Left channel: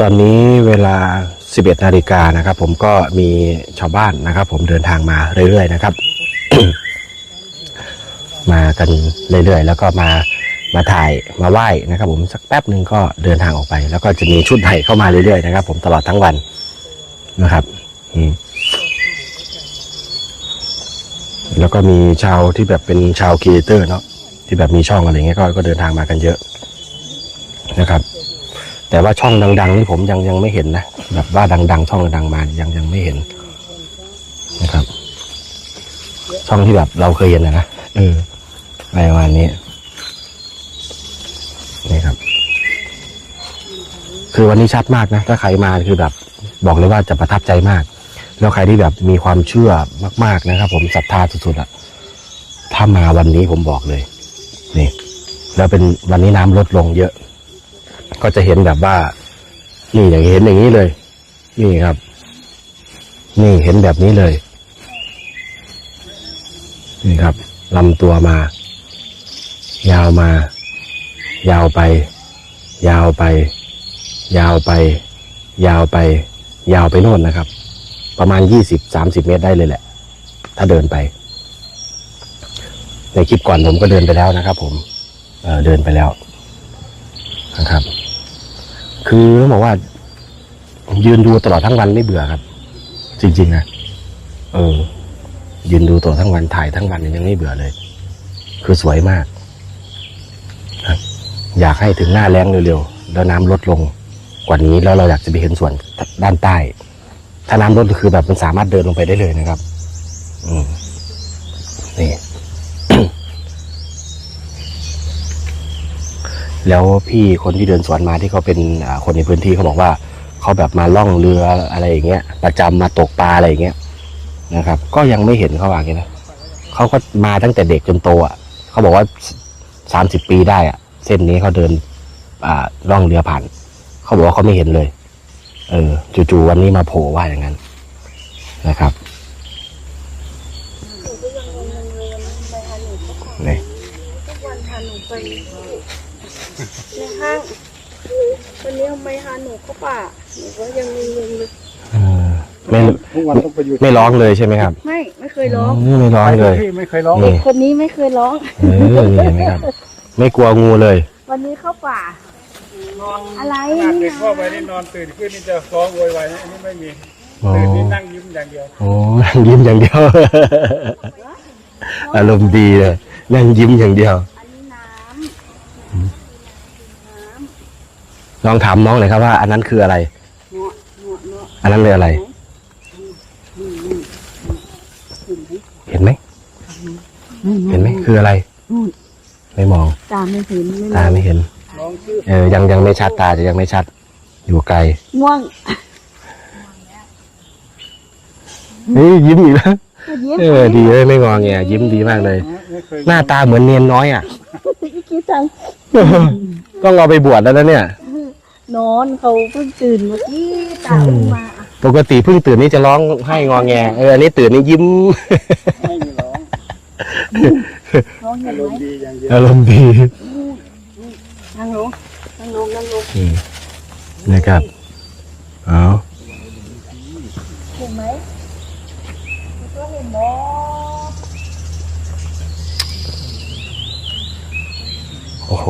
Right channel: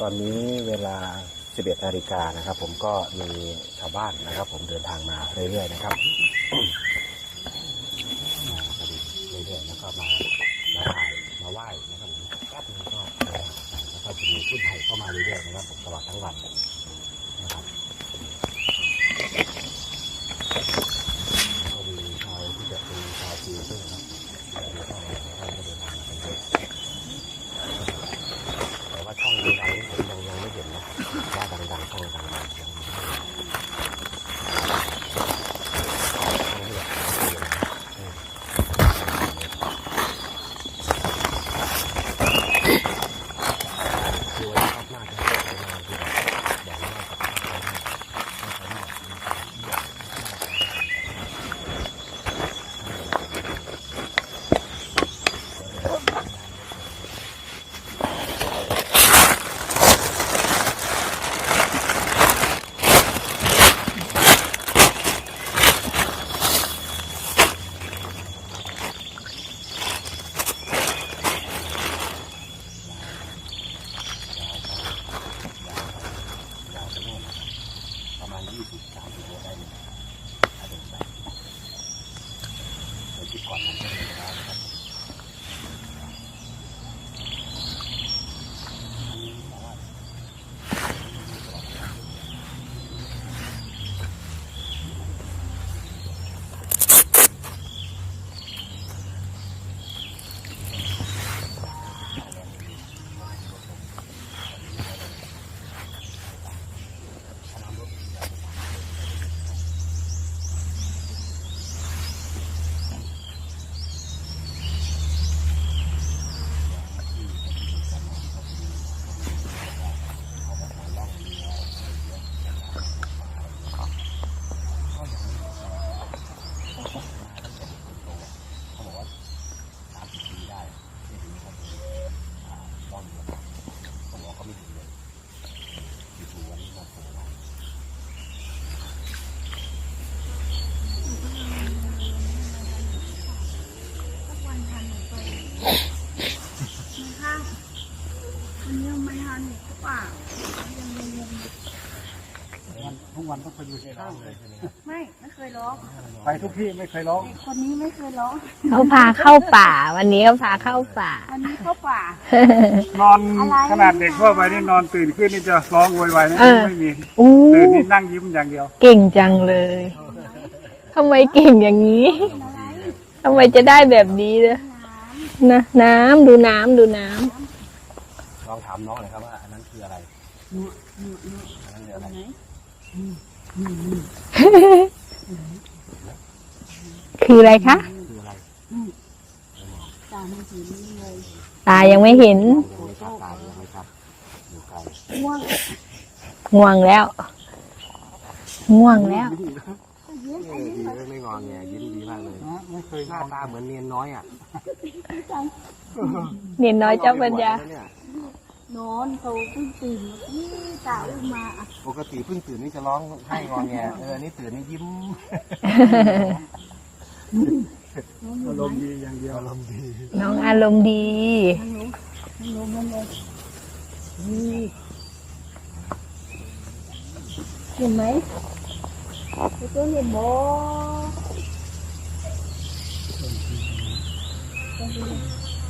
ตอนนี้เวลา 11นาฬิกานะครับ ผมก็มีชาวบ้านนะครับ ผมเดินทางมาเรื่อยๆนะครับ มากันเรื่อยๆ แล้วก็มามาถ่ายมาไหว้นะครับ ผมสักแป๊บหนึ่งก็เดินทางออกไป แล้วก็จะมีชุดใหม่เข้ามาเรื่อยๆนะครับ ผมตลอดทั้งวันนะครับแล้วก็มีชาวที่แบบเป็นชาวครีเอเตอร์เนาะที่แบบมีช่องอะไรเงี้ยก็ก็เดินทางมากันเยอะนะครับ แต่ว่าช่องดัง ๆ นี่ผมยังยังไม่เห็นนะแบบว่าดัง ๆ ช่องดังๆมายังยังไม่เห็นนะครับช่องที่แบบเราเคยเห็นนะนะเออประมาณนี้นี่ครับ คือวันนี้ชัดมากนะถ้าใครมาคือแบบ บอกเลยว่าจะประทับใจมาก แล้วใครที่แบบมีความเชื่อมาก ๆนะครับ ผมศรัทธาสุดๆอะถ้ามาวันนี้ผมบอกเลย นี่ แล้วเป็นวันนี้น้ำลดลงเยอะ ก็จะเห็นแบบว่านี่อย่างเห็นอย่างนี้เลย นี่ครับ นี่เห็นแบบนี้เลย นี่ครับลำตัวมา ยาวมา ยาวไป ยาวไป ยาวไป ยาวไป ยาวไปโน่นนะครับ ประมาณยี่สิบสามสิบเมตรได้เลยแหละ ถ้าเดินไป ในคลิปก่อนผมก็เดินไปแล้วนะครับ ผมเเดินไปแล้วนะครับ คือต้องบอกว่า ยืนดูตลอดทั้งวันไม่เบื่อครับ จริงๆนะเออ ยืนดูตลอดทั้งวันถ่ายทั้งวันยังไม่เบื่อเลย คือสวยมาก ครับ อยากให้ถึงหน้าแรงเร็วๆแล้วน้ำลดลงกว่านี้แล้วเราอยากจะไปเห็นส่วนด้านใต้ ถ้าน้ำลดคือแบบมันสามารถเดินลงไปได้เลยนะครับ อืมนี่ แล้วพี่คนที่เดินสวนมาที่เขาเป็นอ่าคนในพื้นที่เขาบอกว่าเขาแบบมาล่องเรืออะไรอย่างเงี้ยประจำมาตกปลาอะไรอย่างเงี้ยนะครับ ก็ยังไม่เห็นเขาว่าอย่างนี้นะเขาก็มาตั้งแต่เด็กจนโตอะเขาบอกว่าสามสิบปีได้อะ เส้นนี้เขาเดินอ่าล่องเรือผ่านเขาบอกว่าเขาไม่เห็นเลย เออจู่ๆวันนี้มาโผล่ว่าอย่างนั้นนะครับหนู วันนี้ทำไมหาหนูเข้าป่าหนูก็ยังงงๆเลยอืมไม่ทุกวันต้องไปอยู่ไม่ร้องเลยใช่ไหมครับไม่ไม่เคยร้องมไม่ร้องเลย ที่ไม่เคยร้อง นี่ คนนี้ไม่เคยร้อง น้องพาเข้าป่าวันนี้ไม่กลัวงูเลย วันนี้เข้าป่า นอนอะไร ขนาดเด็กทั่วไปนี่นอนตื่นขึ้นนี่จะร้องโวยวายนะเออ ไม่มีอู้ตื่นนี่นั่งยิ้มอย่างเดียว เก่งจังยิ้มอย่างเดียว ทำไมเก่งอย่างนี้อารมณ์ดีเลยทำไมจะได้แบบนั่งยิ้มอย่างเยวนี้เลยน้นะน้ำดูน้ำดูน้ ลองถามน้องเลยครับว่าอันนั้นคืออะไรำเนาะเนาะเนาะอันนั้นเลยอะไร เห็นไหมำคืออะไรคะเห็นไหมคืออะไร ไม่มอง ตาไม่เห็นไม่ตาไม่เห็น ตายังไม่เห็นเออยังยังไม่ชัดตาจะยังไม่ชัด อยู่ไกล ง่วง ง่วงแล้ว ง่วงเฮ้ยยิ้มอีกแล้วยิ้มเออดีเลยไม่งอแงยิ้มดีมากเลยไม่เคยหน้าตาเหมือนเนียนน้อยอะคิดจังเนียนน้ต้ออยงเอาไปบวชแล้วนะเนี่ย นอนเขาเพิ่งตื่นเมื่อกี้ตาลงมาปกติเพิ่งตื่นนี่จะร้องให้งอแงเอออันนี้ตื่นนี่ยิ้มร้องเห็อานรไหมมณ์ดีอย่างเดียวอารมณ์ดีน้องอารมณ์ดี นั่งลงนั่งลงนั่งลงอืมนะครับเอาเห็นไหมก็เห็นบอโอ้โห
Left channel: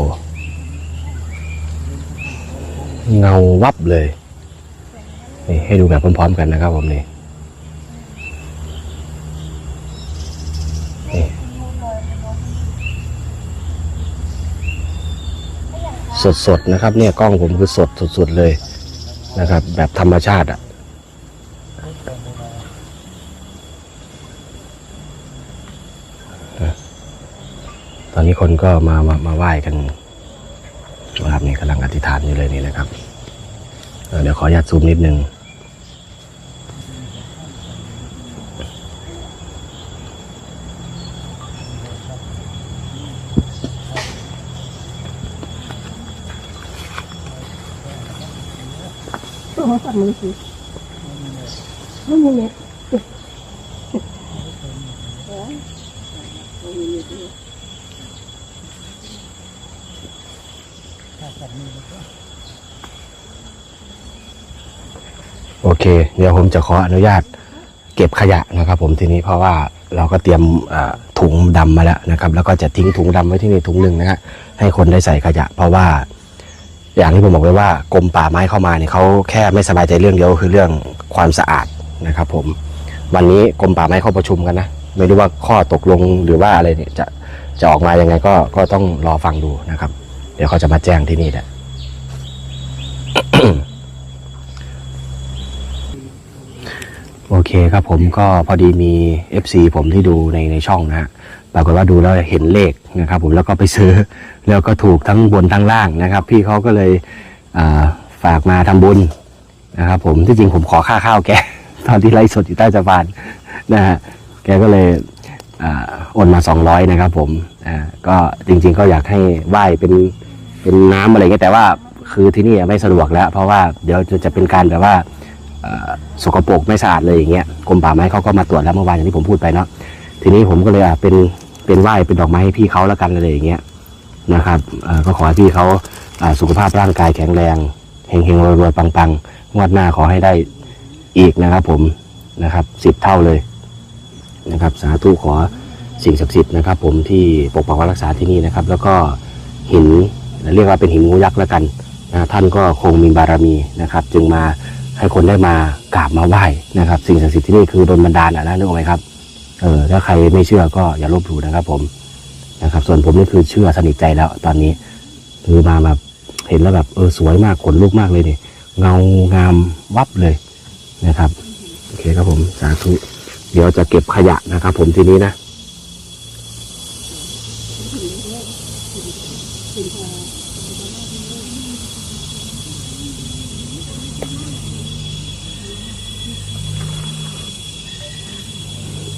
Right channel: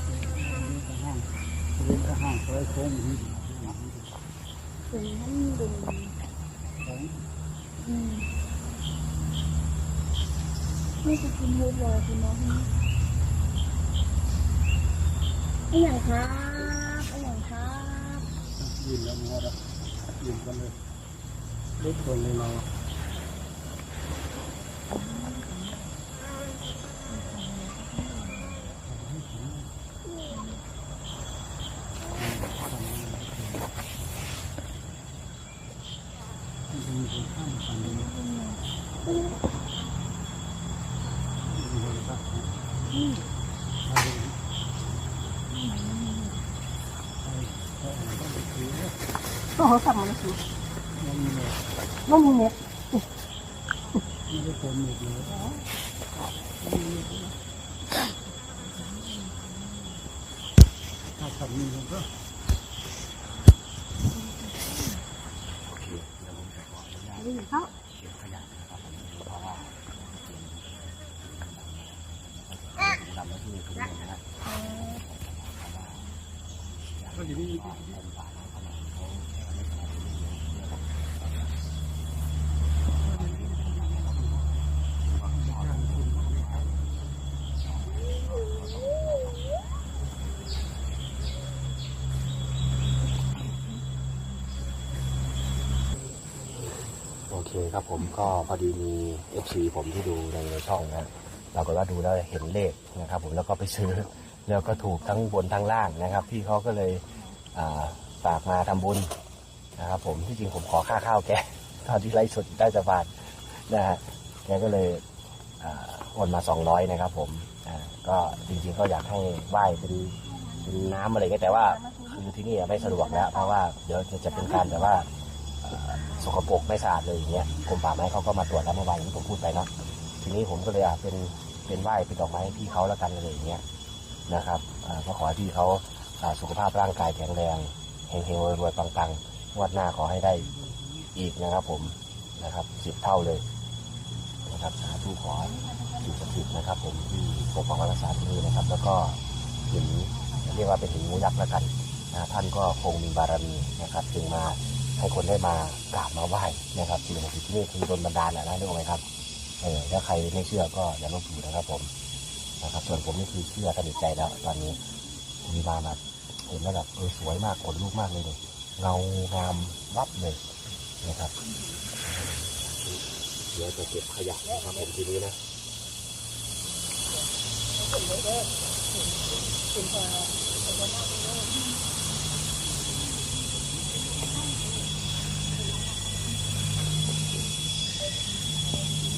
เงาวับเลยนี่ให้ดูแบบพร้อมๆกันนะครับผมนี่นี่คุณลูกลอยคุณน้องไอ้อย่างคะสดๆนะครับ เนี่ยกล้องผมคือสดสุดๆเลยนะครับ แบบธรรมชาติอะตอนนี้คนก็มามามาไหว้กัน นะครับนี่กำลังอธิษฐานนี่เลยนี่นะครับเเดี๋ยวขออนุญาตซูมนิดนึงโอ้สับมือสิต้องมีเน็ต ถ โอ เค เดี๋ยวผมจะขออนุญาตเก็บขยะนะครับ ผมทีนี้เพราะว่าเราก็เตรียมถุงดำมาแล้วนะครับ แล้วก็จะทิ้งถุงดำไว้ที่นี่ถุงหนึ่งนะฮะให้คนได้ใส่ขยะ เพราะว่า อย่างที่ผมบอกไว้ว่ากรมป่าไม้เข้ามาเนี่ยเขาแค่ไม่สบายใจเรื่องเดียวคือเรื่องความสะอาดนะครับ ผม วันนี้กรมป่าไม้เข้าประชุมกันนะไม่รู้ว่าข้อตกลงหรือว่าอะไรเนี่ยจะจะออกมายังไงก็ก็ต้องรอฟังดูนะครับ เดี๋ยวเขาจะมาแจ้งที่นี่แหละ โอเคครับผมก็พอดีมี FC ผมที่ดูในในช่องนะฮะปรากฏว่าดูแล้วเห็นเลขนะครับ ผมแล้วก็ไปซื้อ แล้วก็ถูกทั้งบนทั้งล่างนะครับ พี่เขาก็เลยอ่าฝากมาทำบุญนะครับ ผมที่จริงผมขอค่าข้าวแกตอนที่ไลฟ์สดอยู่ใต้สะพานนะฮะแกก็เลยอ่าโอนมา 200 นะครับ ผมก็จริง ๆ ก็อยากให้ไหว้เป็นเป็นน้ำอะไรเงี้ยแต่ว่าคือที่นี่ไม่สะดวกแล้ว เพราะว่าเดี๋ยวจะจะเป็นการแบบว่า สกปรกไม่สะอาดเลยอย่างเงี้ยกรมป่าไม้เขาก็มาตรวจแล้วเมื่อวานอย่างที่ผมพูดไปเนาะทีนี้ผมก็เลยอะเป็นเป็นไหว้เป็นดอกไม้ให้พี่เขาแล้วกันอะไรอย่างเงี้ยนะครับก็ขอให้พี่เขาอ่าสุขภาพร่างกายแข็งแรงเฮงเฮงรวยรวยปังปังงวดหน้าขอให้ได้อีกนะครับ ผมนะครับสิบเท่าเลยนะครับ สาธุขอสิ่งศักดิ์สิทธิ์นะครับ ผมที่ปกปักรักษาที่นี่นะครับ แล้วก็หินเรียกว่าเป็นหินงูยักษ์แล้วกันนะท่านก็คงมีบารมีนะครับ จึงมา ให้คนได้มากราบมาไหว้นะครับ สิ่งศักดิ์สิทธิ์ที่นี่คือโดนบันดาลอะนะนึกออกไหมครับเออถ้าใครไม่เชื่อก็อย่าลบหลู่นะครับ ผมนะครับ ส่วนผมนี่คือเชื่อสนิทใจแล้ว ตอนนี้คือมาแบบเห็นแล้วแบบเออสวยมากขนลุกมากเลยเนี่ยเงางามวับเลยนะครับโอเคครับผมสาธุเดี๋ยวจะเก็บขยะนะครับ ผมทีนี้นะ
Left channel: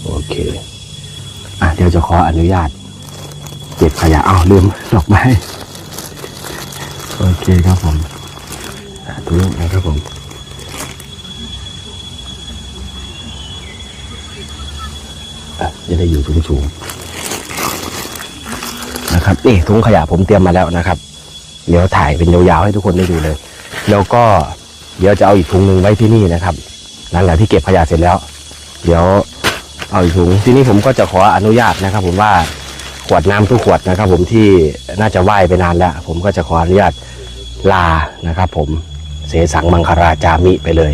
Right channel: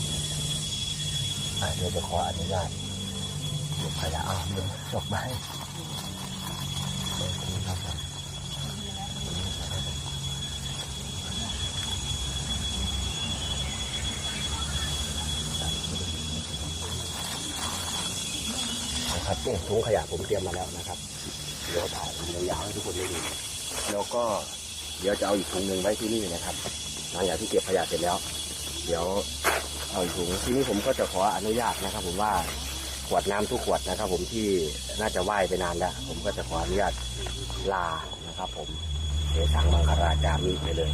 โอเค อะ เดี๋ยวจะ ขออนุญาต เก็บขยะอ้าวลืมดอกไม้โอเคครับผมสาธุนะครับผมจะได้อยู่สูงๆนะครับนี่ถุงขยะผมเตรียมมาแล้วนะครับ เดี๋ยวถ่ายเป็นยาวๆให้ทุกคนได้ดูเลย แล้วก็เดี๋ยวจะเอาอีกถุงหนึ่งไว้ที่นี่นะครับ หลังจากที่เก็บขยะเสร็จแล้ว เดี๋ยว เอาอีกถุงทีนี้ผมก็จะขออนุญาตนะครับ ผมว่าขวดน้ำทุกขวดนะครับ ผมที่น่าจะไหว้ไปนานแล้ว ผมก็จะขออนุญาตลานะครับ ผมเสสังมังคราจามิไปเลย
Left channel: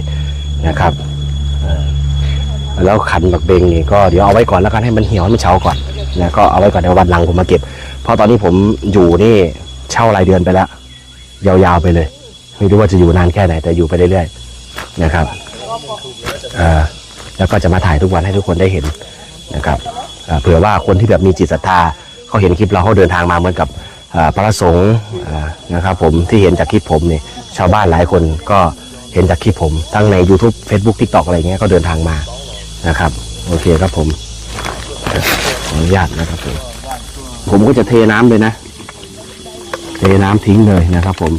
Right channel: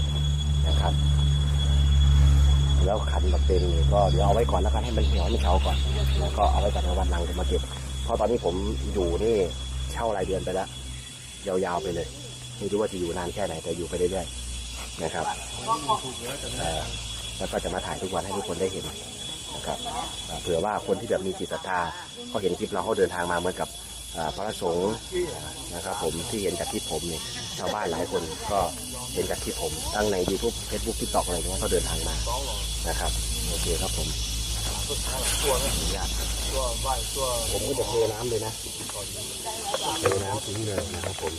นะครับแล้วขันบักเบงนี่ก็เดี๋ยวเอาไว้ก่อนแล้วกันให้มันเหี่ยวให้มันเฉาก่อนนะก็เอาไว้ก่อนเดี๋ยววันหลังผมมาเก็บ เพราะตอนนี้ผมอยู่นี่เช่ารายเดือนไปแล้ว ยาวๆไปเลย ไม่รู้ว่าจะอยู่นานแค่ไหนแต่อยู่ไปเรื่อยๆนะครับอ่อ แล้วก็จะมาถ่ายทุกวันให้ทุกคนได้เห็นนะครับเผื่อว่าคนที่แบบมีจิตศรัทธาเขาเห็นคลิปเราเขาเดินทางมาเหมือนกับพระสงฆ์นะครับผมที่เห็นจากคลิปผมเนี่ยชาวบ้านหลายคนก็เห็นจากคลิปผม ทั้งใน YouTube Facebook TikTok อะไรเงี้ยก็เดินทางมานะครับโอเคครับผมขออนุญาตนะครับผมผมก็จะเทน้ำเลยนะ เทน้ำทิ้งเลยนะครับ ผม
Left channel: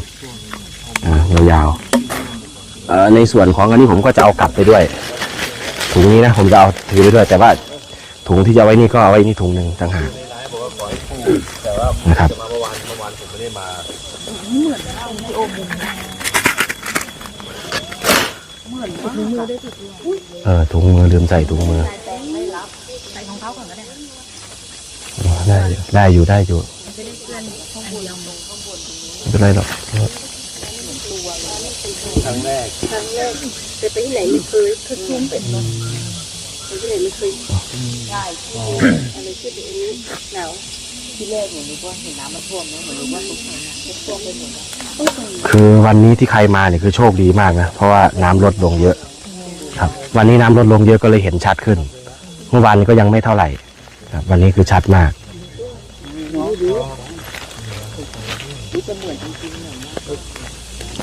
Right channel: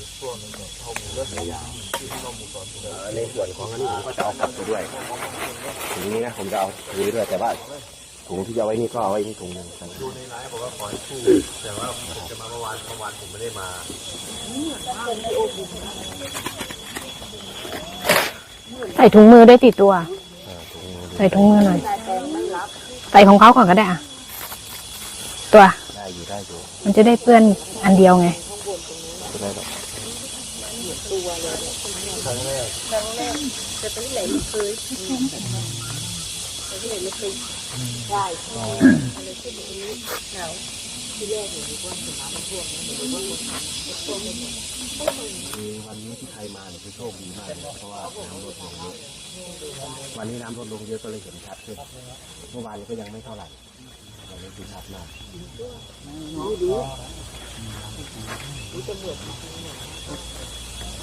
ยาวๆในส่วนของอันนี้ผมก็จะเอากลับไปด้วย ถุงนี้นะผมจะเอาถือไปด้วย แต่ว่าถุงที่จะเอาไว้นี่ก็เอาไว้นี่ถุงหนึ่งต่างหากนะครับใส่ถุงมือด้วยติดตัว เออถุงมือลืมใส่ถุงมือใส่ของเขาก่อนก็ได้อะตัวได้ได้อยู่ได้อยู่ มันจะได้เปื้อนอันเดียวไงไม่เป็นไรหรอก จะไปที่ไหนไม่เคยเคยคุ้มเป็นมั้ยไปที่ไหนไม่เคยใช่ที่อะไรที่เป็นหนาวที่แรกหนูนึกว่าเห็นน้ำมันท่วมนะหนูรู้ว่าทุกครั้งจะท่วมไปหมดคือวันนี้ที่ใครมาเนี่ยคือโชคดีมากนะเพราะว่าน้ำลดลงเยอะ ครับ วันนี้น้ำลดลงเยอะก็เลยเห็นชัดขึ้น เมื่อวานนี้ก็ยังไม่เท่าไหร่ครับวันนี้คือชัดมาก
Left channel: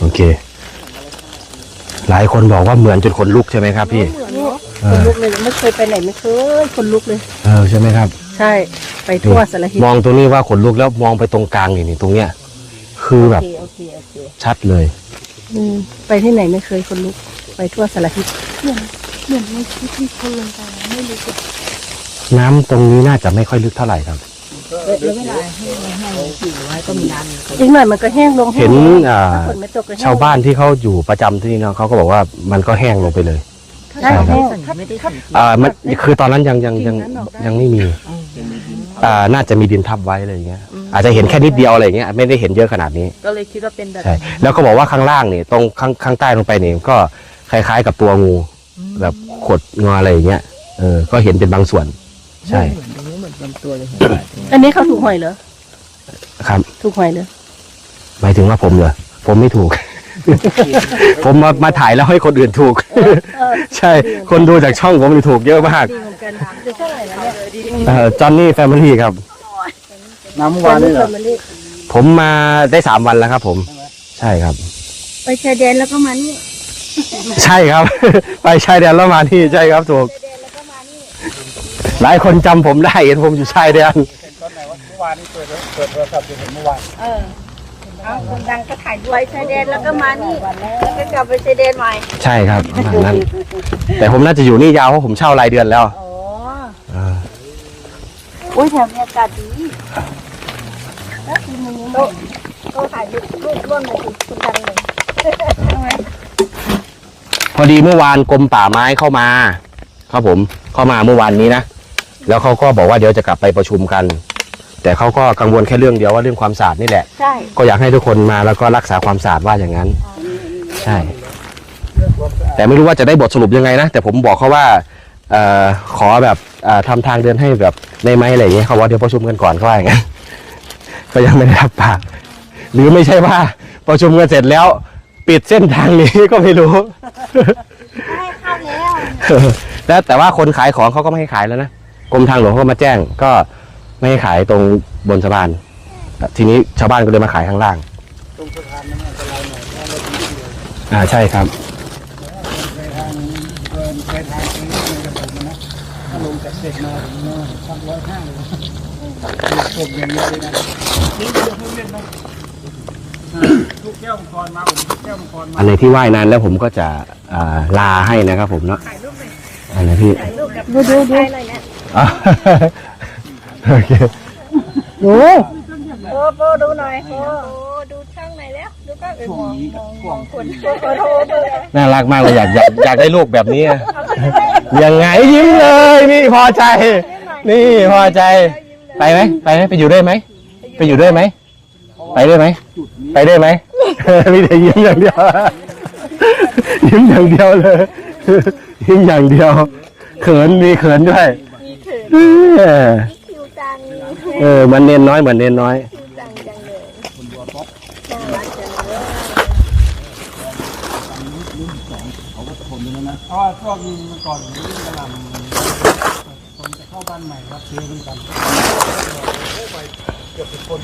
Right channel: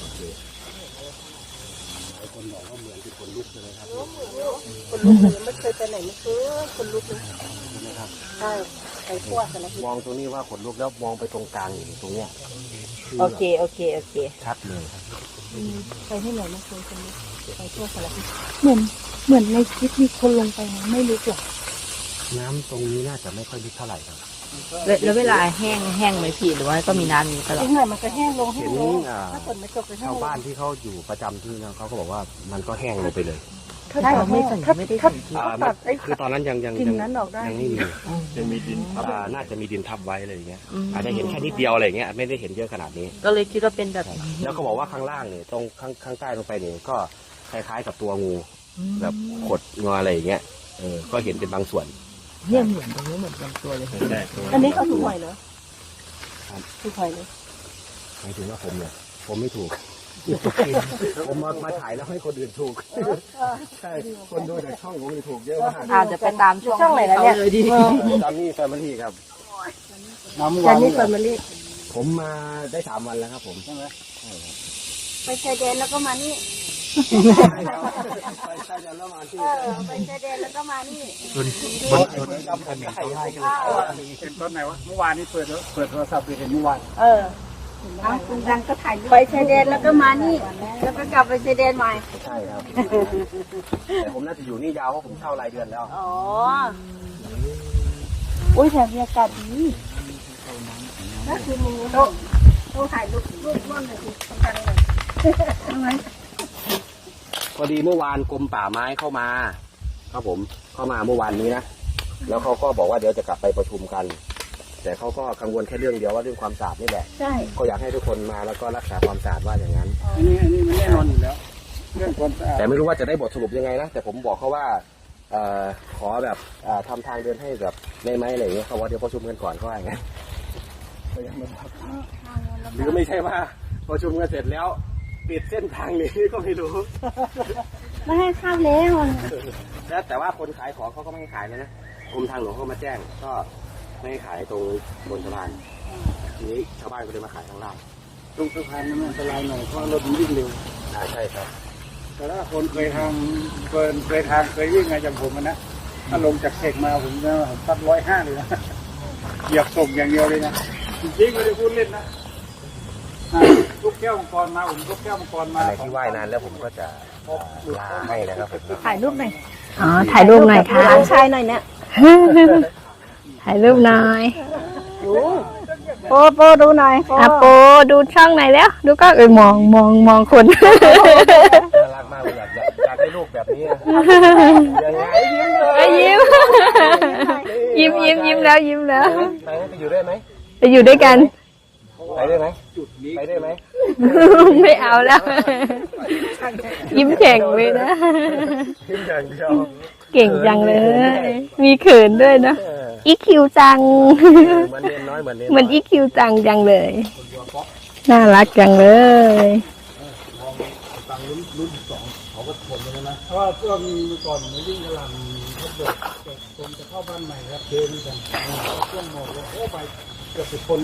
โอเค หลายคนบอกว่าเหมือนจนคนลุกใช่ไหมครับพี่เออลุกเลยไม่เคยไปไหนไม่เคยคนลุกเลย เออใช่ไหมครับ ใช่ ไปทั่วสารทิศมองตรงนี้ว่าขนลุกแล้วมองไปตรงกลางนี่นี่ตรงเนี้ย คือโอแบบเคโอเคโอเคชัดเลย อืมไปที่ไหนไม่เคยคนลุก ไปทั่วสารทิศเหมือนเหมือนในคลิปที่คนลงไปไม่รู้หรอกน้ำตรงนี้น่าจะไม่ค่อยลึกเท่าไหร่ครับ แล้วเวลาแห้งแห้งเลยขีดไว้ก็มีน้ำอยู่ตลอดอีกหน่อยมันก็แห้งลงเห็นอ่าฝนไม่ตกก็แห้งชาวบ้านที่เขาอยู่ประจำที่นี่เนาะเขาก็บอกว่ามันก็แห้งลงไปเลย ใช่แห้งถ้าไม่ได้ถ้าสังเกตอ่ามันคือตอนนั้นยังยังยังยังไม่มีอ่าน่าจะมีดินทับไว้อะไรอย่างเงี้ย อาจจะเห็นแค่นิดเดียวอะไรอย่างเงี้ยไม่ได้เห็นเยอะขนาดนี้ ก็เลยคิดว่าเป็นแบบใช่ แล้วก็บอกว่าข้างล่างนี่ตรงข้างข้างใต้ลงไปนี่ก็คล้ายๆกับตัวงู แบบขดงออะไรอย่างเงี้ยเออก็เห็นเป็นบางส่วน ใช่ตรงนี้เหมื อนลำตัวเลยอันนี้เขาถูกหวยเหรอครับถูกหวยเหรอหมายถึงว่าผมเหรอผมไม่ถูก ผมมามาถ่ายแล้วให้คนอื่นถูก ใช่ คนดูจากช่องผมนี่ถูกเยอะมากอาจจะเป็นตามช่วงของเขาเลยดีจอนนี่แฟมิลี่ครับ น้ำเมื่อวานนี่เหรอผมมาได้สามวันแล้วครับ ผม ใช่ครับ ไปชายแดนแล้วก็มานี่ ใช่ครับ ไปชายแดนแล้วมาที่ใช่ครับถูก หลายคนจำผมได้เห็นผมอยู่ชายแดนเห็นตอนไหนว่าเมื่อวานนี่เปิดเปิดโทรศัพท์เห็นเมื่อวานเออเอาคนดังก็ถ่ายไปชายแดนแล้วก็มานี่ แล้วก็กลับไปชายแดนใหม่ใช่ครับประมาณนั้น แต่ผมน่าจะอยู่นี่ยาวเพราะผมเช่ารายเดือนแล้วอ๋อเออโอ้ยแถมบรรยากาศดีน่ากินมึงโต๊ะโต๊ะถ่ายรูปรูปร่วมเลยสุดจังเลยพอดีเมื่อวานกรมป่าไม้เข้ามา ครับผม เข้ามาเมื่อวานนี้นะแล้วเขาก็บอกว่าเดี๋ยวจะกลับไปประชุมกัน แต่เขาก็กังวลแค่เรื่องเดียวว่าเรื่องความสะอาดนี่แหละ ใช่ ก็อยากให้ทุกคนมาแล้วก็รักษาความสะอาดว่าอย่างนั้น ใช่ เรื่องความสะอาดแต่ไม่รู้ว่าจะได้บทสรุปยังไงนะ แต่ผมบอกเขาว่าเอ่อขอแบบเอ่อทำทางเดินให้แบบในไม้อะไรอย่างเงี้ยเขาว่าเดี๋ยวประชุมกันก่อนเขาว่าอย่างนั้น ก็ยังไม่ได้รับปากหรือไม่ใช่ว่าประชุมกันเสร็จแล้ว ปิดเส้นทางนี้ ก็ไม่รู้ไม่ให้ข้ามแล้ว แล้วแต่ว่าคนขายของเขาก็ไม่ให้ขายแล้วนะกรมทางหลวงเขาก็มาแจ้ง ก็ไม่ให้ขายตรงบนสะพานทีนี้ชาวบ้านก็เลยมาขายข้างล่างตรงสะพานนั้นอันตรายหน่อยเพราะรถมันวิ่งเร็วอ่าใช่ครับแต่ถ้าคนเคยทางเกินเคยทางเคยวิ่งมาจากผมอะนะถ้าลงจากเด็กมาผมเนี่ยสักร้อยห้าเลยนะอยากตกอย่างเดียวเลยนะนี่ไม่ได้พูดเล่นนะอ่าทุกแก้วมังกรมาผมทุกแก้วมังกรมาอันไหนที่ว่ายนานแล้วผมก็จะอ่าลาให้นะครับผมเนาะถ่ายรูปหน่อย อันนี้ถ่ายรูปหน่อยค่ะถ่ายหน่อยเนี่ยถ่ายรูปหน่อยดูโปโปดูหน่อยโปอะโปดูช่องไหนอยแล้ว ดูก็เออมองมองมองคนน่ารักมากเลยอยากอยากอยากได้ลูกแบบนี้อะยังไงยิ้มเลยนี่พอใจ นี่ยิ้มพอใจยิ้มแล้วยิ้มแล้วไปไหมไปไหมไปอยู่ด้วยไหมไปอยู่ด้วยกันไหมไปด้วยไหมไปด้วยไหมมีแต่ยิ้มอย่างเดียว ยิ้มอย่างเดียวเลยยิ้มอย่างเดียวก่งเขินจังมีเขินด้วย มีเขินด้วยนะเอออีคิวจังเออเหมันเน้นน้อยเหมือนเน้นเหมือนน้อยอีคิวจังจังเลย น่ารักจังเลยเพราะว่าช่วงเมื่อก่อนผมวิ่งกระหลำคนจะเข้าบ้านใหม่รับเจอเหมือนกันโอ้ไปเกือบสิบคน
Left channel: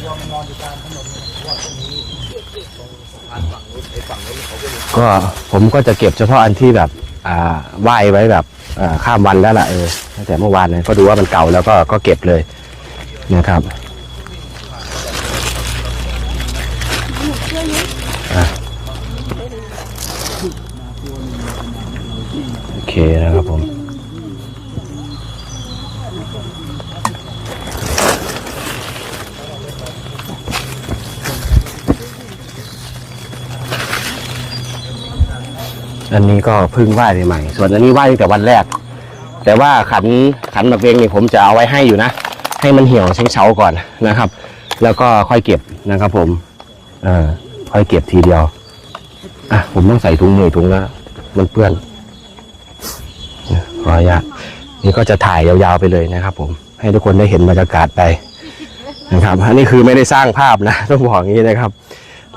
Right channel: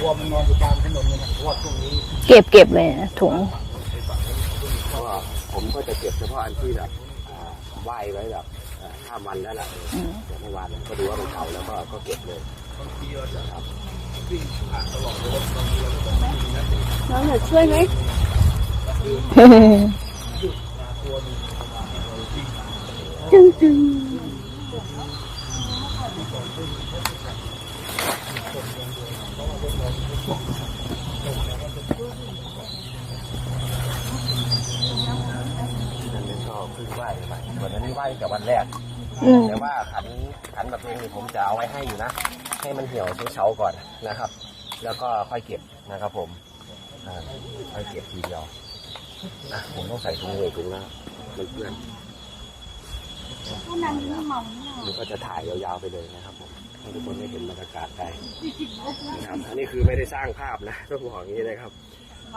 รวมนอนอยู่กลางถนนเลยนะเพราะว่าตรงนี้เก็บเก็บเลยนะถุงก็ผมก็จะเก็บเฉพาะอันที่แบบ อ่าไหว้ไว้แบบอ่าข้ามวันแล้วล่ะเออตั้งแต่เมื่อวานเนี่ยก็ดูว่ามันเก่าแล้วก็ก็เก็บเลยนะครับอะโอเคนะครับผม อันนี้ก็เพิ่งไหว้ใหม่ๆส่วนอันนี้ไหว้ตั้งแต่วันแรกอืมแต่ว่าขันขันหมากเวงนี่ผมจะเอาไว้ให้อยู่นะ ให้มันเหี่ยวเช้งเฉาก่อนนะครับ แล้วก็ค่อยเก็บนะครับ ผมเออค่อยเก็บทีเดียวอะผมต้องใส่ถุงมือถุงละมันเปื้อนเนี่ยขออนุญาตนี่ก็จะถ่ายยาวๆไปเลยนะครับ ผม ให้ทุกคนได้เห็นบรรยากาศไปนะครับอันนี้คือไม่ได้สร้างภาพนะต้องบอกอย่างนี้นะครับ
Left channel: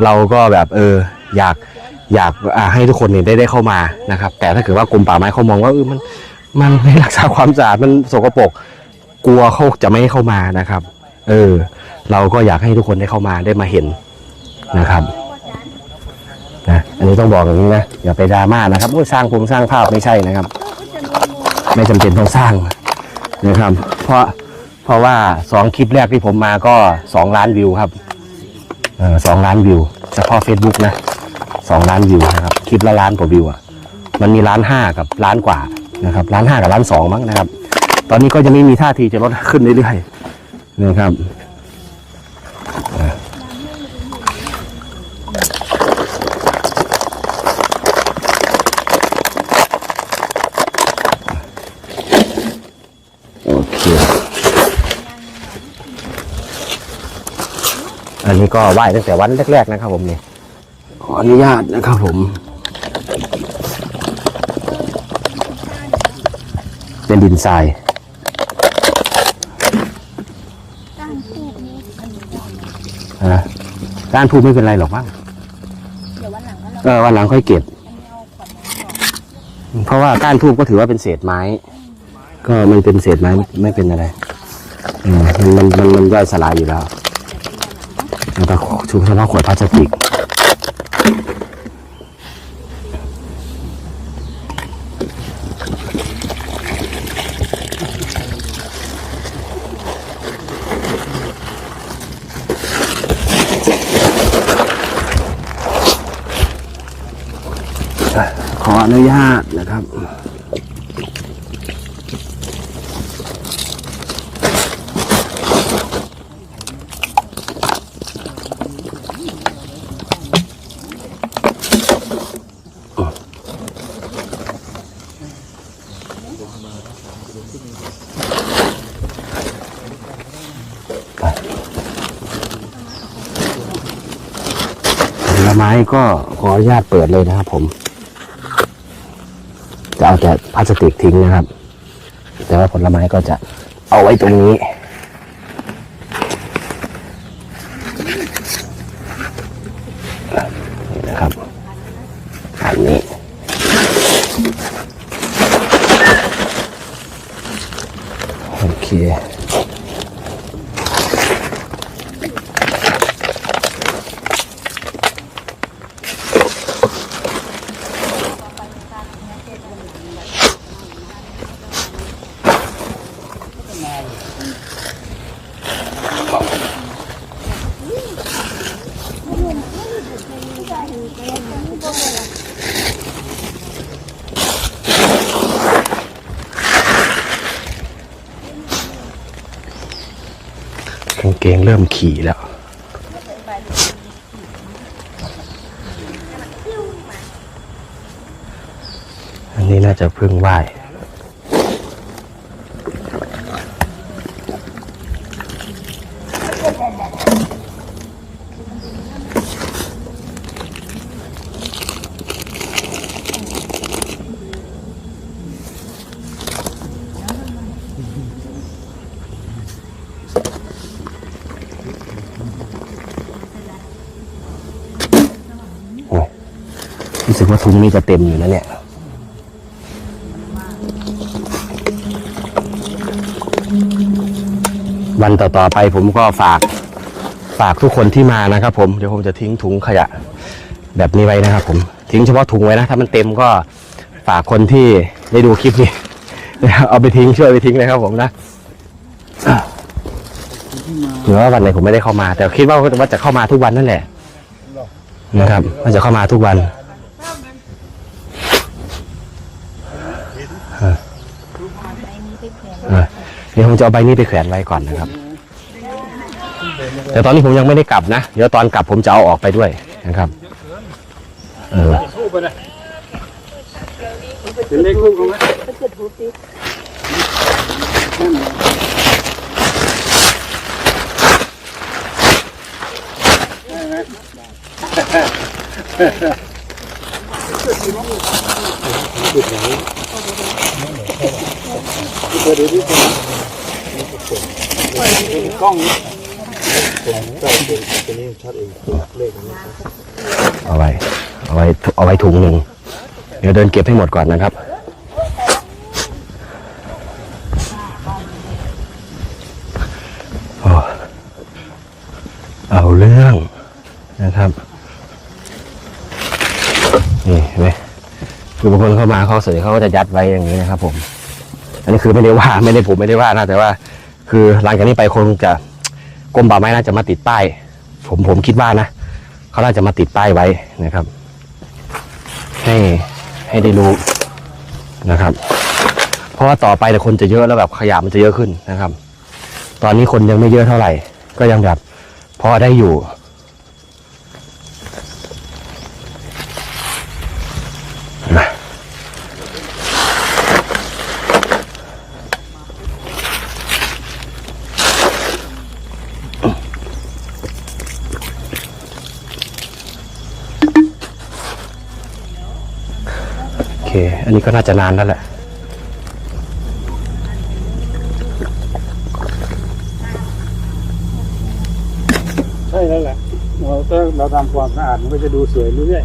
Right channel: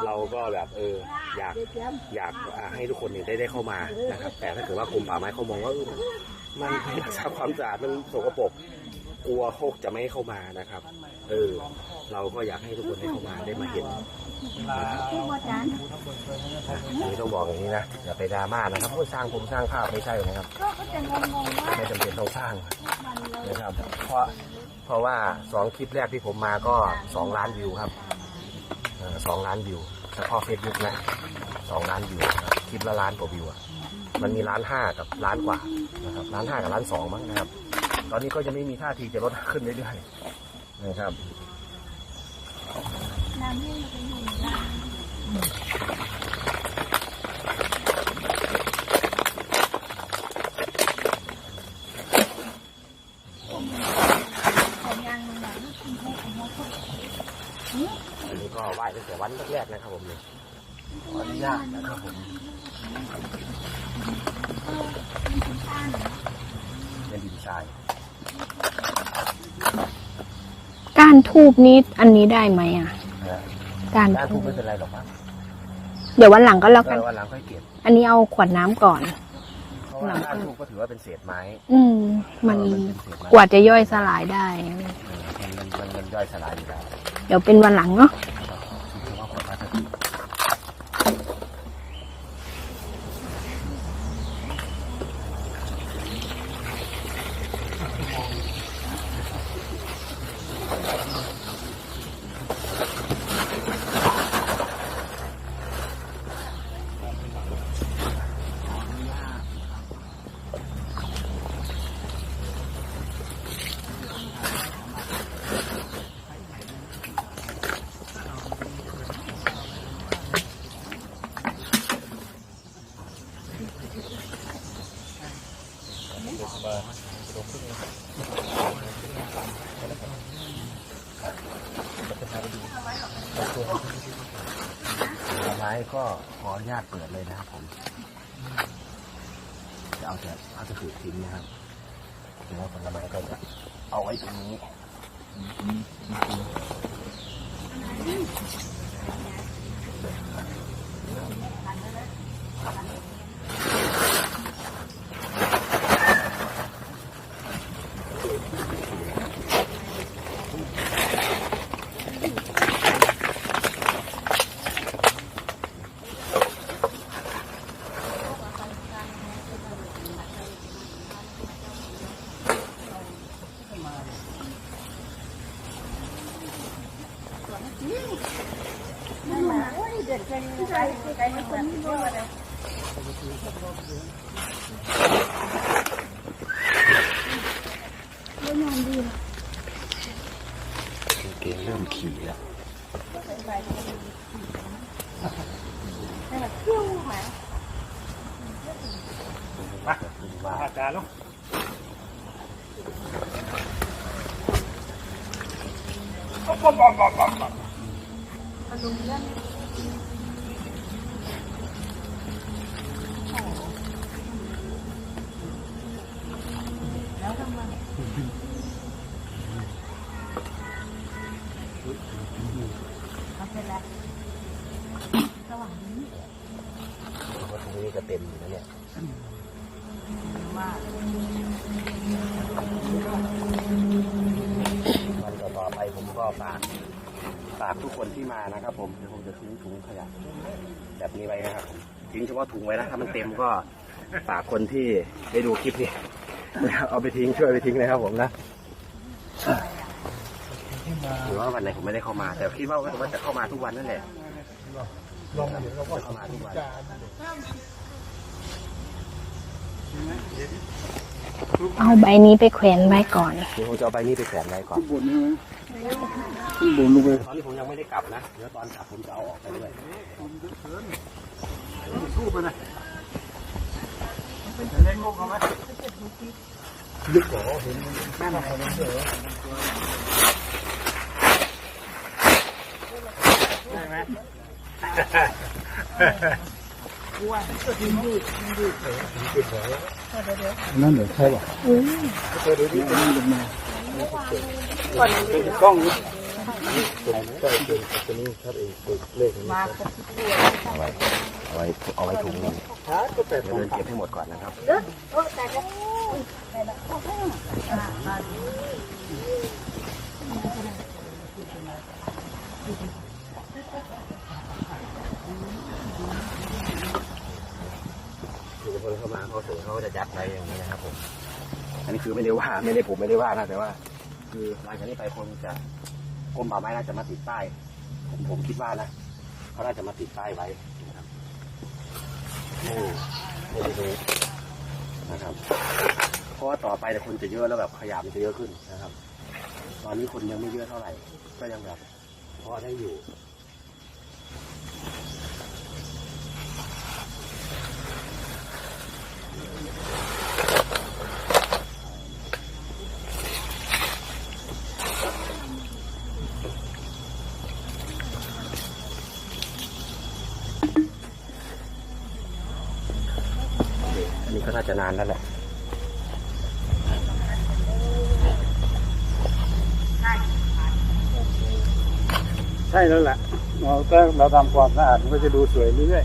เราก็แบบเอออยาก อยากให้ทุกคนเนี่ยได้ได้เข้ามานะครับ แต่ถ้าเกิดว่ากรมป่าไม้เขามองว่าเออมันมันไม่รักษาความสะอาดมันสกปรกกลัวเขาจะไม่ให้เข้ามานะครับ เออ เราก็อยากให้ทุกคนได้เข้ามาได้มาเห็นนะครับนะอันนี้ต้องบอกอย่างนี้นะอย่าไปดราม่านะครับสร้างผมสร้างภาพไม่ใช่นะครับ ไม่จำเป็นต้องสร้างนะครับ เพราะเพราะว่าสองคลิปแรกที่ผมมาก็สองล้านวิวครับเออสองล้านวิวเฉพาะ Facebook นะ สองล้านวิวนะครับคลิปละล้านกว่าวิวอะมันมีล้านห้ากับล้านกว่านะครับล้านห้ากับล้านสองมั้งนะครับ ตอนนี้ก็ยังไม่มีท่าทีจะลดขึ้นเรื่อยๆนี่ครับโอเค อันนี้ก็ไหว้ตั้งแต่วันแรกๆนะครับผมนี่ ขออนุญาตนะครับผม เป็นดินทรายก้านทูบนี้อันนี้ได้ไหมอะนะก้านก้านทูบไม่เป็นไรหรอกมั้งเดี๋ยววันหลังก็เราก็วันหลังค่อยเก็บ อันนี้เอาขวดน้ำก่อน เพราะว่าก้านทูบก็ถือว่าเป็นเศษไม้ อืมก็มันเป็นเศษไม้กว่าจะย่อยไม่เป็นสไรลายได้อืมมันมันมันย่อยสลายอยู่แล้วเดี๋ยวเป็นวันหลังเนาะ แล้วก็ชุบเฉพาะขวดพลาสติก ขออนุญาตนะครับ ผลไม้ก็ขออนุญาตเปิดเลยนะครับผม จะเอาแต่พลาสติกทิ้งนะครับ แต่ว่าผลไม้ก็จะเอาไว้ตรงนี้ นี่นะครับ อันนี้ โอเค กางเกงเริ่มขี่แล้ว อันนี้น่าจะเพิ่งไหว้ โอ้ย ถุงนี้จะเต็มอยู่นะเนี่ยวันต่อๆไปผมก็ฝากฝากทุกคนที่มานะครับ ผมเดี๋ยวผมจะทิ้งถุงขยะ แบบนี้ไว้นะครับ ผมทิ้งเฉพาะถุงไว้นะถ้ามันเต็มก็ฝากคนที่ได้ดูคลิปนี้เอาไปทิ้งช่วยไปทิ้งนะครับ ผมนะหรือว่าวันไหนผมไม่ได้เข้ามา แต่คิดว่าว่าจะเข้ามาทุกวันนั่นแหละนะครับว่าจะเข้ามาทุกวัน เอาใบนี้ไปแขวนไว้ก่อน เดี๋ยวผมจะเอาใบนี้ไปแขวนไว้ก่อนนะครับ แต่ตอนนี้ผมยังไม่ได้กลับนะ เดี๋ยวตอนกลับผมจะเอาออกไปด้วยนะครับ เออเป็นเลขลูกเขาไหม นั่นเหรอเด้ไหมเอาไว้ เอาไว้ เอาไว้ถุงหนึ่ง เดี๋ยวเดินเก็บให้หมดก่อนนะครับ โอ้เอาเรื่องนะครับ นี่เห็นไหม คนเข้ามาเขาเสยเขาก็จะยัดไว้อย่างนี้นะครับ ผม อันนี้คือไม่ได้ว่าไม่ได้ผมไม่ได้ว่านะแต่ว่า คือหลังจากนี้ไปคงจะกรมป่าไม้น่าจะมาติดป้าย ผมผมคิดว่านะเขาน่าจะมาติดป้ายไว้นะครับ ให้ให้ได้รู้นะครับ เพราะว่าต่อไปแต่ยคนจะเยอะแล้วแบบขยะมันจะเยอะขึ้นนะครับ ตอนนี้คนยังไม่เยอะเท่าไหร่ ก็ยังแบบพอได้อยู่ นะโอเค อั นนี้ก็น่าจะนานแล้วแหละใช่แล้วแหละเราถ้าเราทำความสะอาดมันก็จะดูสวยเรื่อย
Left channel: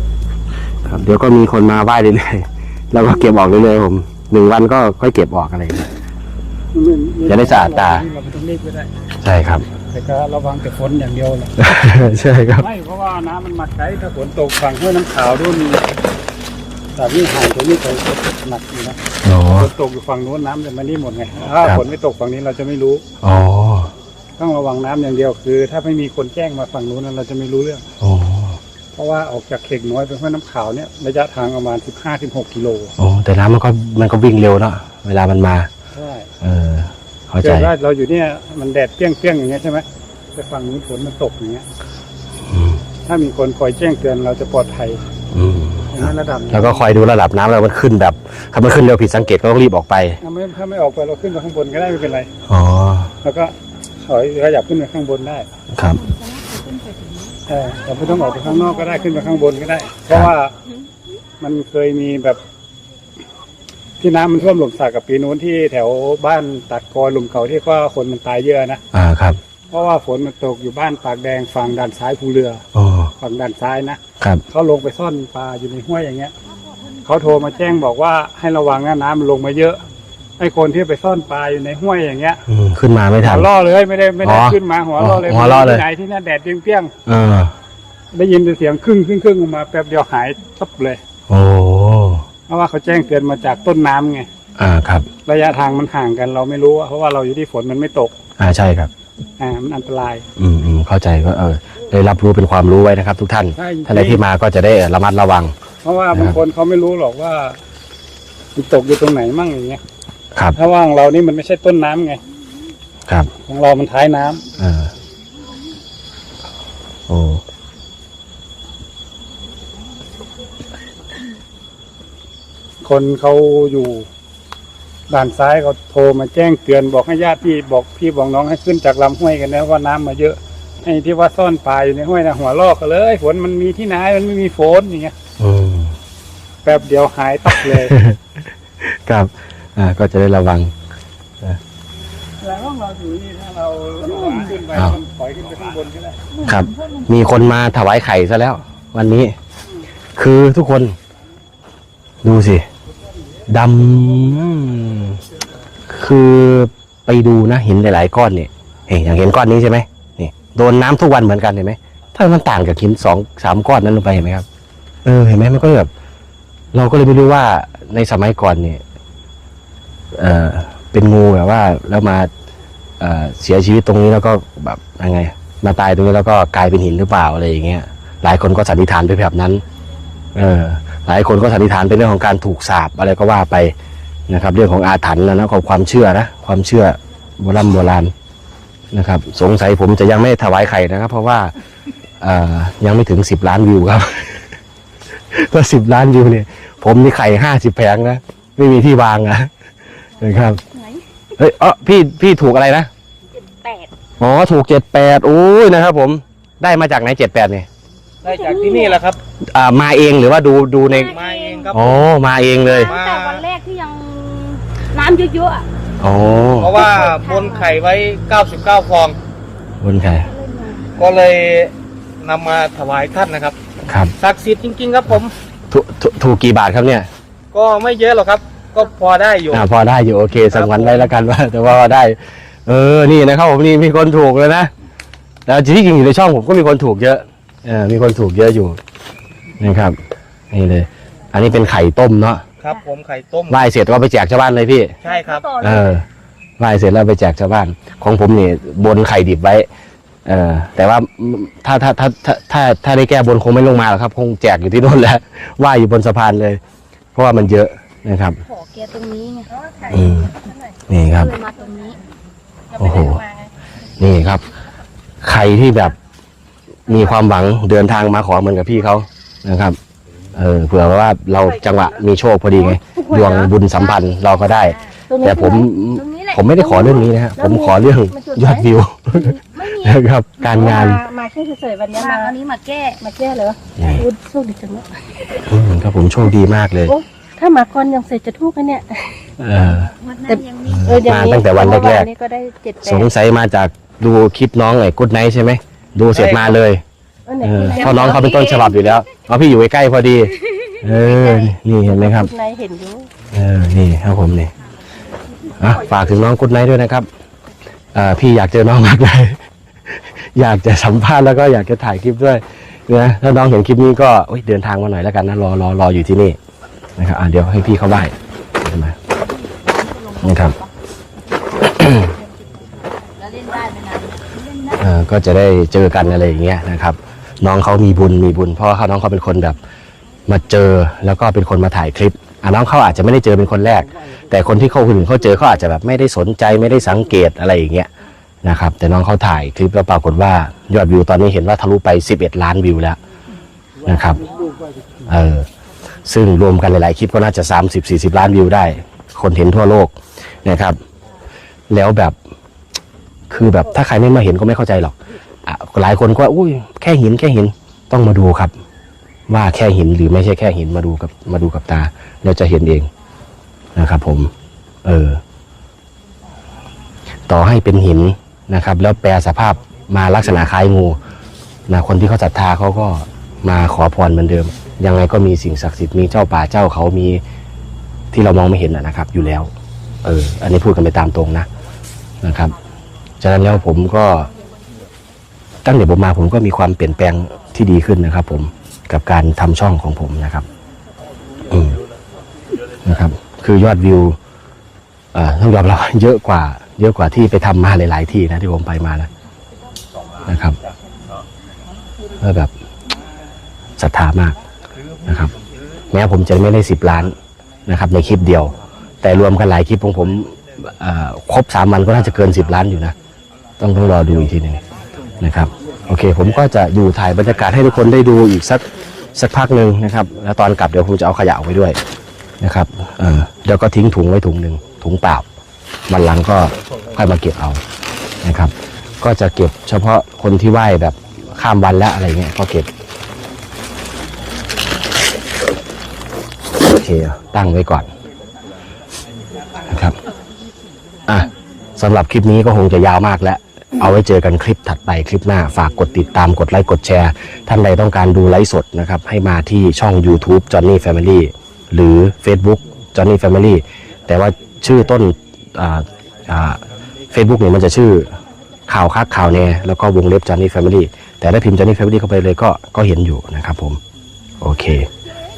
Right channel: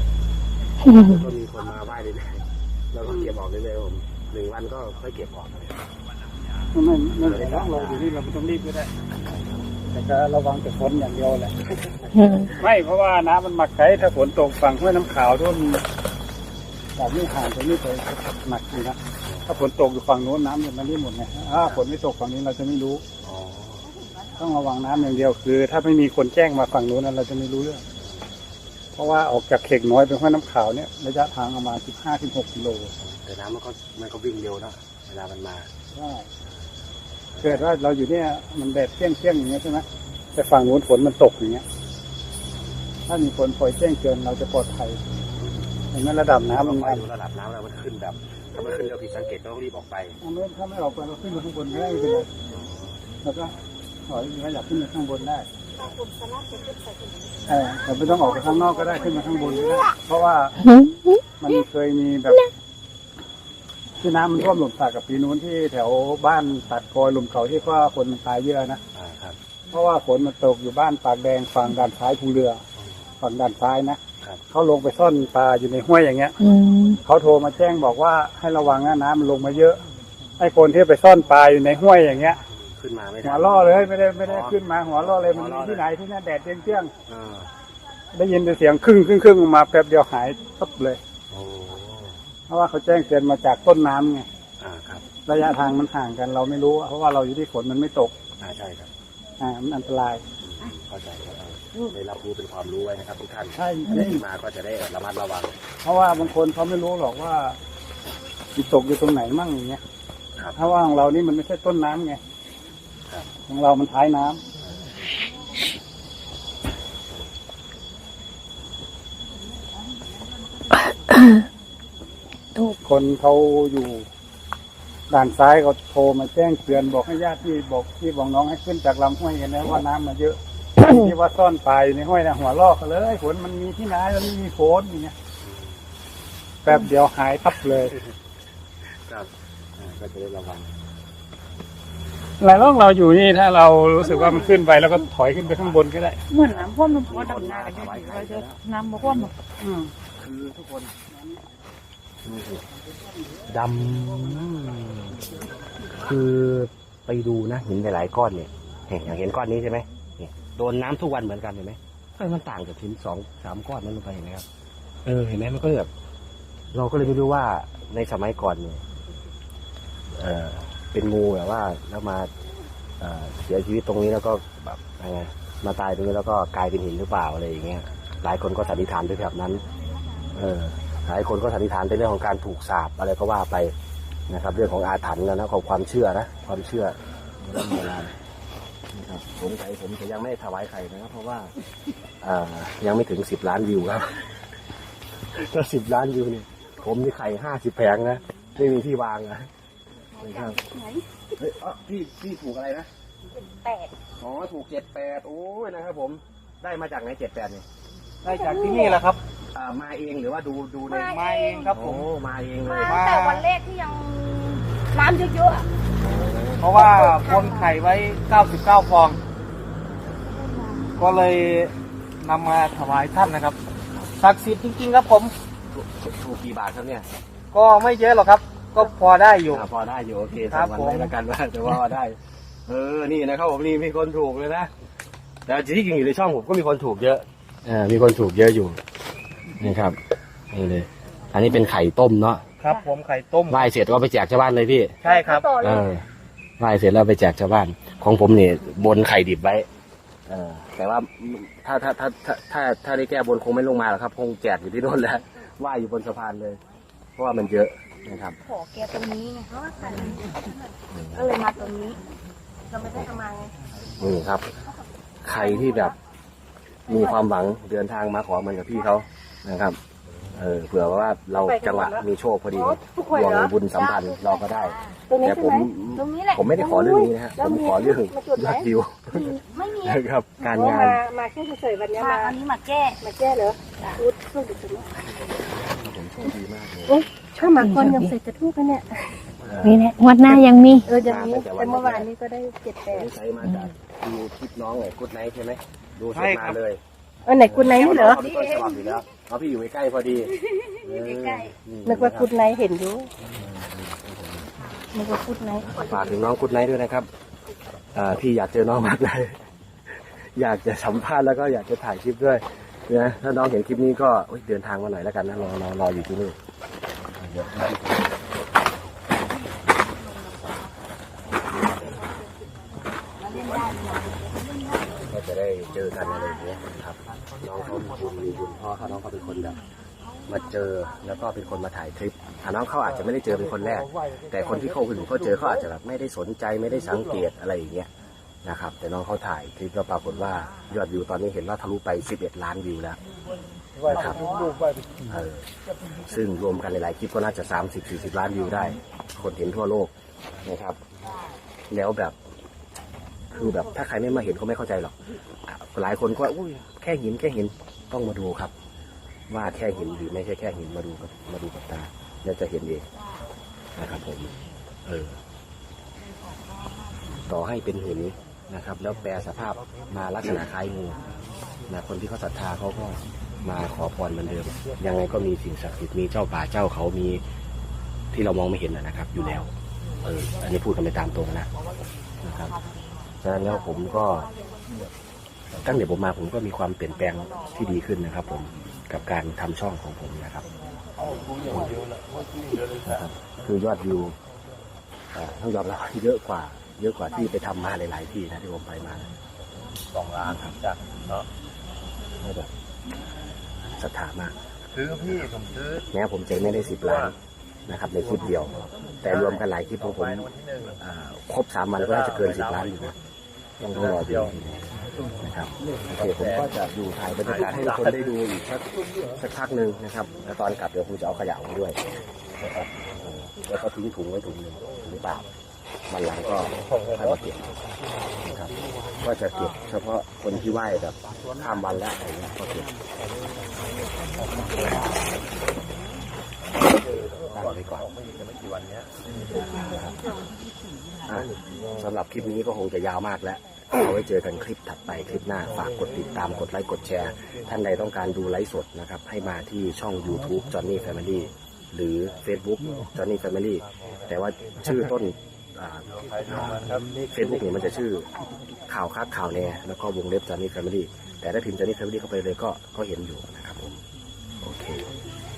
เดี๋ยวก็มีคนมาไหว้เรื่อยๆแล้วก็เก็บออกเรื่อยๆผมหนึ่งวันก็ค่อยเก็บออกอะไรอย่างเงี้ย ๆมันมันจะได้สะอาดตา เราไม่ต้องรีบก็ได้ใช่ครับ แต่ก็ระวังแต่ฝนอย่างเดียวแหละ ใช่ครับ ไม่เพราะว่าน้ำมันหมักไกถ้าฝนตกฝั่งห้วยน้ำขาวนู่น สามีหายตัวนี้ไปหนักอยู่นะอ๋อ ฝนตกอยู่ฝั่งนู้นน้ำจะมานี่หมดไงถ้าครับ ฝนไม่ตกฝั่งนี้เราจะไม่รู้ อ๋อต้องระวังน้ำอย่างเดียวคือ ถ้าไม่มีคนแจ้งมาฝั่งนู้นนะเราจะไม่รู้เรื่อง อ๋อเพราะว่าออกจากเขกน้อยไปห้วยน้ำขาวเนี่ยระยะทางประมาณ 15-16กิโลอ๋อแต่น้ำมันก็มันก็วิ่งเร็วเนาะเวลามันมา ใช่เออ เข้าใจ เกิดว่าเราอยู่เนี่ยมันแดดเปรี้ยงเปรี้ยงๆอย่างเงี้ยใช่ไหมแต่ฝั่งนู้นฝนมันตกอย่างเงี้ย อืมถ้ามีคนคอยแจ้งเตือนเราจะปลอดภัย อืมเพ ราะฉะนั้นระดับน้ำแล้วก็คอยดูระดับน้ำแล้วมันขึ้นแบบถ้ามันขึ้นเร็วผิดสังเกตก็ต้องรีบออกไปถ้าไม่ถ้าไม่ออกไปเราขึ้นไปข้างบนก็ได้ไม่เป็นไร อ๋อแล้วก็ถอยขยับขึ้นไปข้างบนได้ครับเออแต่ไม่ต้องออกไปข้างนอกก็ได้ขึ้นไปข้างบนก็ได้ เพราะว่ามันเคยมีแบบ ที่น้ำมันท่วมหลุมสักกับปีนู้นที่แถวบ้านตัดกอยหลุมเก่าที่ว่าคนมันตายเยอะนะอ่าครับ เพราะว่าฝนมันตกอยู่บ้านปากแดงฝั่งด้านซ้ายภูเรืออ๋อ ฝั่งด้านซ้ายนะครับ เขาลงไปซ่อนปลาอยู่ในห้วยอย่างเงี้ยอืมเขาโทรมาแจ้งบอกว่าให้ระวังนะน้ำมันลงมาเยอะไอ้คนที่ไปซ่อนปลาอยู่ในห้วยอย่างเงี้ยอืมขึ้นมาไม่ทัหัน วล่อเลยไม่ได้ไม่ได้อ๋อขึ้นมาหัวล่อเลยหัวเราะเลย ที่ไหนที่นั่นแดดเปรี้ยงเออ ๆได้ยินแต่เสียงครึ่งครึ่งครึ่งออกมาแป๊บเดียวหายตับเลย โอ้เพราะว่าเขาแจ้งเตือนมาจากต้นน้ำไง อ่าครับ ระยะทางมันห่างกันเราไม่รู้อะเพราะว่าเราอยู่ที่ฝนมันไม่ตก อ่าใช่ครับ อ่ามันอันตราย อืมอืมเข้าใจก็เออได้รับรู้เป็นความรู้ไว้นะครับ ทุกท่านใช่ ท่านใดที่มาก็จะได้ระมัดระวัง เพราะว่าบางคนเขาไม่รู้หรอกว่ามันตกอยู่ตรงไหนมั่งอย่างเงี้ยครับถ้าว่าของเรานี่มันไม่ใช่ต้นน้ำไงครับของเรามันท้ายน้ำเออโอ้คนเขาอยู่ ด่านซ้ายเขาโทรมาแจ้งเตือนบอกให้ญาติพี่บอกพี่บอกน้องให้ขึ้นจากลำห้วยกันนะว่าน้ำมาเยอะไอ้ที่ว่าซ่อนปลาอยู่ในห้วยนะหัวลอกกันเลยฝนมันมีที่ไหนมันไม่มีฝนอย่างเงี้ยอืมแป๊บเดียวหายตับเลย ครับ อ่า ก็จะได้ระวัง หลายรอบเราอยู่นี่ถ้าเรารู้สึกว่ามันขึ้นไปเราก็ถอยขึ้นไปข้างบนก็ได้เหมือนครับ น้ำท่วมลงมีคนมาถวายไข่ซะแล้ว น้ำท่วมวันนี้ คือทุกคน ดูสิ ดำคือไปดูนะเห็นหลาย ๆ ก้อนเนี่ยเห็นอย่างเห็นก้อนนี้ใช่ไหมนี่โดนน้ำทุกวันเหมือนกันเห็นไหมถ้ามันต่างกับหินสองสามก้อนนั้นลงไปเห็นไหมครับ เออเห็นไหมมันก็แบบเราก็เลยไม่รู้ว่าในสมัยก่อนเนี่ยเออเป็นงูแบบว่าแล้วมาเออเสียชีวิตตรงนี้แล้วก็แบบยังไง มาตายตรงนี้แล้วก็กลายเป็นหินหรือเปล่าอะไรอย่างเงี้ยหลายคนก็สันนิษฐานไปแบบนั้น เออ หลายคนก็สันนิษฐานเป็นเรื่องของการถูกสาบอะไรก็ว่าไปนะครับ เรื่องของอาถรรพ์แล้วนะของความเชื่อนะความเชื่อโบราณโบราณนะครับ สงสัยผมจะยังไม่ถวายไข่นะครับ เพราะว่าเอ่อยังไม่ถึงสิบล้านวิวครับถ้าสิบล้านวิวเนี่ย ผมมีไข่ห้าสิบแผงนะไม่มีที่วางนะนะครับเฮ้ยเออพี่พี่ถูกอะไรนะแปดอ๋อถูกเจ็ดแปดโอ้ยนะครับ ผมได้มาจากไหนเจ็ดแปดเนี่ย ได้จากที่นี่แหละครับ อ่ามาเองหรือว่าดูดูในมาเองครับ อ๋อมาเองเลยตั้งแต่วันแรกที่ยังน้ำเยอะๆอะอ๋อเพราะว่าบนไข่ไว้ 99 ฟอง บนไข่ก็เลยนำมาถวายท่านนะครับครับศักดิ์สิทธิ์จริง ๆ ครับผม ถูกถูกถูกกี่บาทครับเนี่ยก็ไม่เยอะหรอกครับ ก็พอได้อยู่ อ่าพอได้อยู่โอเคสังวันไว้แล้วกันว่าแต่ว่าได้ เออนี่นะครับผมนี่มีคนถูกเลยนะแต่ที่จริงอยู่ในช่องผมก็มีคนถูกเยอะ เออมีคนถูกเยอะอยู่นะครับนี่เลย อันนี้เป็นไข่ต้มเนาะครับ ผมไข่ต้มไหว้เสร็จก็ไปแจกชาวบ้านเลยพี่ ใช่ครับ เออไหว้เสร็จแล้วไปแจกชาวบ้าน ของผมนี่บนไข่ดิบไว้ เออแต่ว่าถ้าถ้าถ้าถ้าถ้าถ้าได้แก้บนคงไม่ลงมาหรอกครับ คงแจกอยู่ที่โน่นแล้วไหว้อยู่บนสะพานเลย เพราะว่ามันเยอะนะครับขอแกตรงนี้ไงอืมนี่ครับเลยมาตรงนี้โอ้โหนี่ครับ ใครที่แบบ มีความหวังเดินทางมาขอเหมือนกับพี่เขานะครับเออเผื่อว่าเราจังหวะมีโชคพอดีไงดวงบุญสัมพันธ์เราก็ได้ตรงนี้แต่ผมตรงนี้แหละผมไม่ได้ขอเรื่องนี้นะฮะผมขอเรื่องยอดวิวไม่มีนะครับการงานมามาที่เฉยๆวันนี้มามาอันนี้มาแก้มาแก้เหรออืมพูดพูดดีจังเลยอืมครับผมโชคดีมากเลยถ้ามาคนยังเสร็จจะทุกข์กันเนี่ยเออนี่แหละงวดหน้ายังมีเอออย่างนี้มาตั้งแต่วันแรกๆเมื่อนี้ก็ได้เจ็ดแปสดงสัยมาจากดูคลิปน้องไอ้กุ๊ดไนท์ใช่ไหม ดูเสร็จมาเลยเออไหนคุณนายเพราะน้องเขาเป็นต้นฉบับอยู่แล้วเพราะพี่อยู่ใกล้ๆพอดี เออ นี่เห็นไหมครับ คุณนายเห็นอยู่เออ นี่ครับผมนี่อะฝากถึงน้องกุ๊ดไนท์ด้วยนะครับเอ่อพี่อยากเจอน้องมากเลยอยากจะสัมภาษณ์แล้วก็อยากจะถ่ายคลิปด้วยนะถ้าน้องเห็นคลิปนี้ก็เอ้ยเดินทางมาหน่อยแล้วกันนะรอรอรออยู่ที่นี่นะครับอะเดี๋ยวให้พี่เข้าบ้านมานี่ครับเอ่อ ก็จะได้เจอกันอะไรอย่างเงี้ยนะครับ น้องเขามีบุญมีบุญเพราะว่าเขาน้องเขาเป็นคนแบบมาเจอแล้วก็เป็นคนมาถ่ายคลิปอะน้องเขาอาจจะไม่ได้เจอเป็นคนแรก แต่คนที่เขาคนอื่นเขาเจอเขาอาจจะแบบไม่ได้สนใจไม่ได้สังเกตอะไรอย่างเงี้ยนะครับ แต่น้องเขาถ่ายคลิปแล้วปรากฏว่ายอดวิวตอนนี้เห็นว่าทะลุไป 11 ล้านวิวแล้วนะครับเออซึ่งรวมกันหลายๆคลิปก็น่าจะ 30-40 ล้านวิวได้ คนเห็นทั่วโลกนะครับ แล้วแบบ คือแบบถ้าใครไม่มาเห็นก็ไม่เข้าใจหรอกอหลายคนก็อุ้ยแค่หินแค่หินต้องมาดูครับ ว่าแค่หินหรือไม่ใช่แค่หินมาดูกับมาดูกับตา เราจะเห็นเองนะครับผม เออ ต่อให้เป็นหินนะครับ แล้วแปลสภาพมาลักษณะคล้ายงูนะคนที่เขาศรัทธาเขาก็มาขอพรเหมือนเดิม ยังไงก็มีสิ่งศักดิ์สิทธิ์มีเจ้าป่าเจ้าเขามีที่เรามองไม่เห็นนะครับ อยู่แล้ว เออ อันนี้พูดกันไปตามตรงนะนะครับ ฉะนั้นแล้วผมก็ตั้งแต่ผมมาผมก็มีความเปลี่ยนแปลงที่ดีขึ้นนะครับ ผมกับการทำช่องของผมนะครับ อืมนะครับ คือยอดวิวต้องยอมรับเยอะกว่า เยอะกว่าที่ไปทำมาหลาย ๆ ที่นะที่ผมไปมานะนะครับแล้วแบบศรัทธามากนะครับ แม้ผมจะไม่ได้สิบล้านนะครับ ในคลิปเดียว แต่รวมกันหลายคลิปของผมครบสามวันก็น่าจะเกินสิบล้านอยู่นะ ต้องรอดูอีกทีหนึ่งนะครับ โอเค ผมก็จะอยู่ถ่ายบรรยากาศให้ทุกคนได้ดูอีกสักสักพักหนึ่งนะครับ แล้วตอนกลับเดี๋ยวผมจะเอาขยะออกไปด้วยนะครับเออเดี๋ยวก็ทิ้งถุงไว้ถุงหนึ่งถุงเปล่าวันหลังก็ค่อยมาเก็บเอานะครับ ก็จะเก็บเฉพาะคนที่ไหว้แบบข้ามวันแล้วอะไรเงี้ยก็เก็บโอเคตั้งไว้ก่อนนะครับอะสำหรับคลิปนี้ก็คงจะยาวมากแล้ว เอาไว้เจอกันคลิปถัดไปคลิปหน้าฝากกดติดตามกดไลค์กดแชร์ ท่านใดต้องการดูไลฟ์สดนะครับให้มาที่ช่อง YouTube Johnny Family หรือ Facebook Johnny Family แต่ว่าชื่อต้นเฟซบุ๊กเนี่ยมันจะชื่อข่าวคักข่าวแน่แล้วก็วงเล็บ Johnny Family แต่ถ้าพิมพ์ Johnny Family เข้าไปเลยก็ก็เห็นอยู่นะครับผม โอเค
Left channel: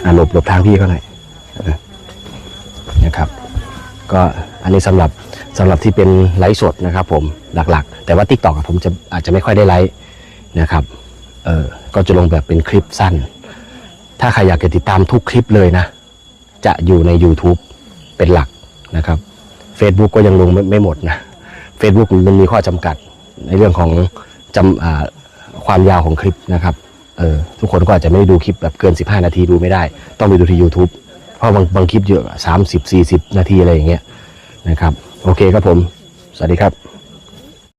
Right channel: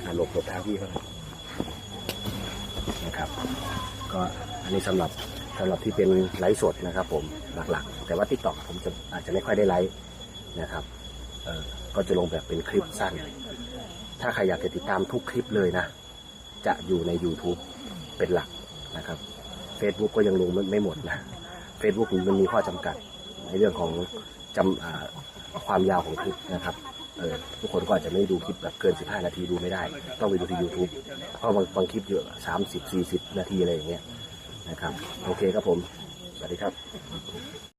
อหลบหลบทางพี่เขาหน่อยนะครับ ก็อันนี้สำหรับสำหรับที่เป็นไลฟ์สดนะครับผม หลักๆ แต่ว่า t ิ k t o k ผมจะอาจจะไม่ค่อยได้ไลฟ์นะครับเออก็จะลงแบบเป็นคลิปสั้น ถ้าใครอยากจะติดตามทุกคลิปเลยนะ จะอยู่ใน YouTube เป็นหลักนะครับ Facebook ก็ยังลงไม่ไม่หมดนะ Facebook มันมีข้อจำกัดในเรื่องของจำความยาวของคลิปนะครับเออทุกคนก็อาจจะไม่ได้ดูคลิปแบบเกิน 15 นาทีดูไม่ได้ ต้องไปดูที่ YouTube เพราะบางบางคลิปเยอะ 30 40 นาทีอะไรอย่างเงี้ยนะครับ โอเคครับผม สวัสดีครับ